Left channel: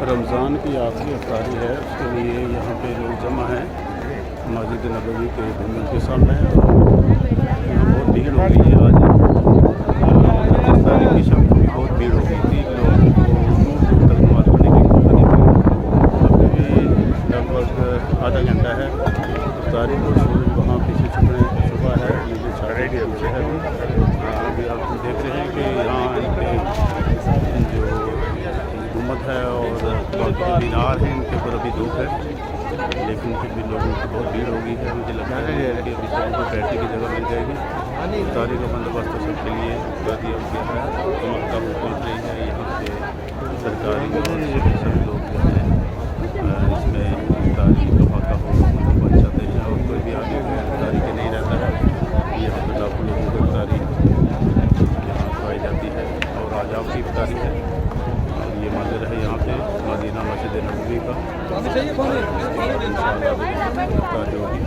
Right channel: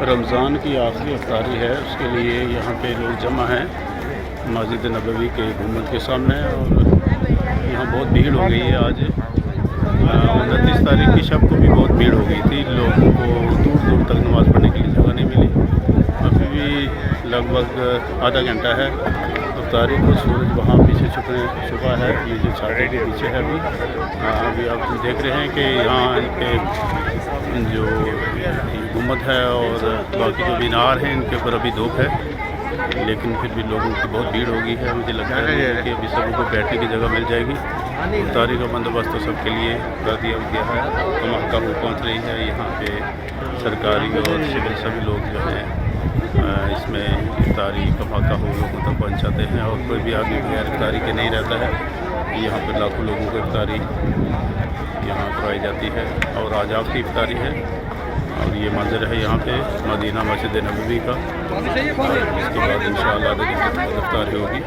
रमज़ान की आखिरी इफ्तारी है, उसके लिए यहाँ पे लोग जमा हैं मस्जिद नबवी के गुंबद के सामने। और यहाँ बहुत भीड़ हो गई है आज। 29 तारीख की शब को भी बहुत भीड़ हो गई थी, लोगों को दूर दूर तक नमाज़ पढ़ने की जगह नहीं मिली। अभी भी लगभग आधा घंटा है इफ्तारी को। सूरज वहाँ पीछे छुपा है, ये जो साढ़े पीछे है अभी आप देख रहे हैं कि यहाँ इनके जो गुंबद है और बाकी जो मीनार हैं इनके ऊपर अभी धूप है, लेकिन फिर भी लोगों की बहुत भीड़ होगी है। मुझे लगता है कि अभी सभी को बैठने की जगह मिल जाएगी। इफ्तारी का बंदोबस्त तो सबके लिए कर दिया गया है। धमाका पहुँच रही है यहाँ पे सरकारी और सिविल सभी लोग जो हैं इसमें इफ्तारी धमाका हो तक पहुँच जाते हैं। और कोई भी आगे बगैर इफ्तारी के नहीं रहता है। यहाँ पर लाखों लोगों को इफ्तारी यहाँ करवाई जाती है और आज आपकी इफ्तारी है। और ये मंदिर है यहाँ पे मदीना मस्जिद नबवी का। इसके बाद इंशाअल्लाह इफ्तारी होगी।